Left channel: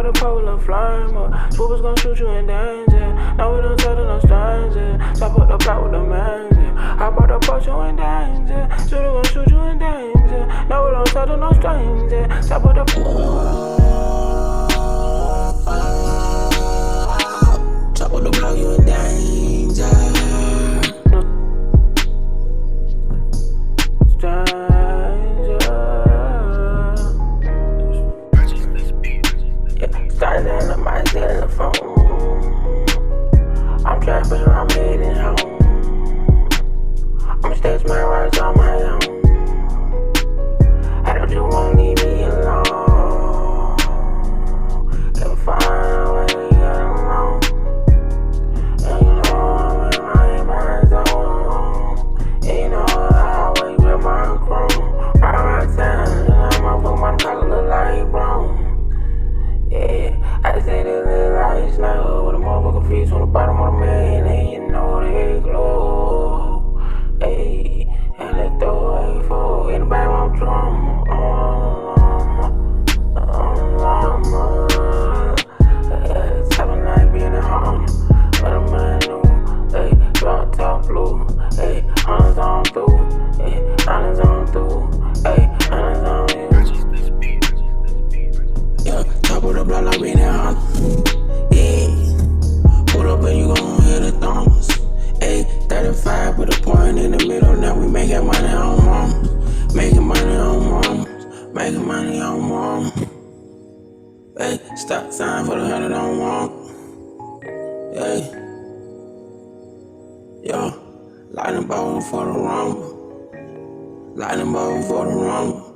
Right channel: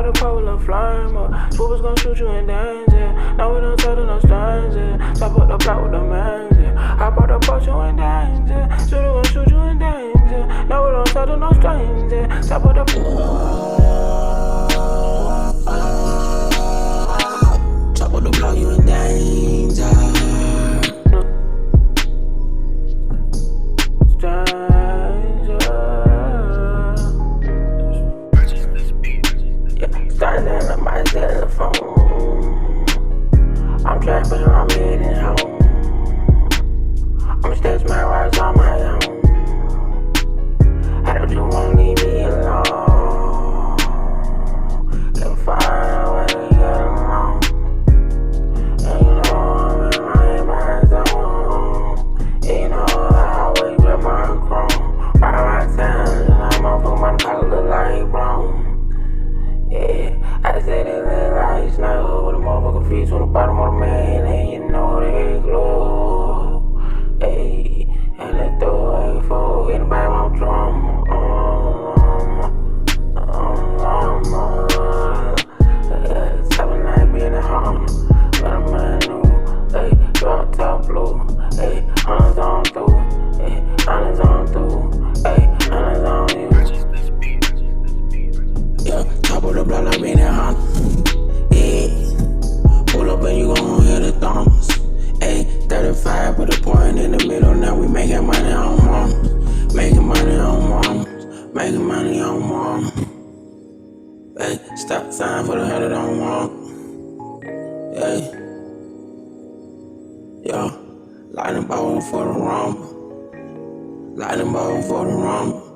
about the polar flame. Swoopers gon' shoot you in danger. Now we don't talk to no strangers. Top up the block with the manager. Hop out the porch, you in danger. Shooter gon' shoot you in danger. Now we don't talk to no strangers. Top up the top of the block, you in danger. Stranger in the mic, still in the phone. I'm trapping around mid and home. I'm stage man, rides on my own. I don't you won't leave me alone. Can't find a way to get along. And you know I'm in my zone. And you know I always wear my chrome. Ride around town, and I'm up with my collar look like brown. Yeah, I said it look like snow with a motherfucking fish on the bottom of the man, and you know they glow. Hey, and let's throw a four. Anybody want drama? Top of night being at home, but I'm brand new. Hey, drop top blue. Hey, honors on through. Hey, honors on through. Hey, honors on you. Yeah, top of the block like being at home. Yeah, pull up and you gon' hear the thumbs. Hey, 35, put a point in the middle. Now we making money on mom. Making money on mom. Making money on mom. Hey, stop sign for the 100 on mom. Hey, yo, lightning bolt for the rumble. Lightning bolt for the rumble.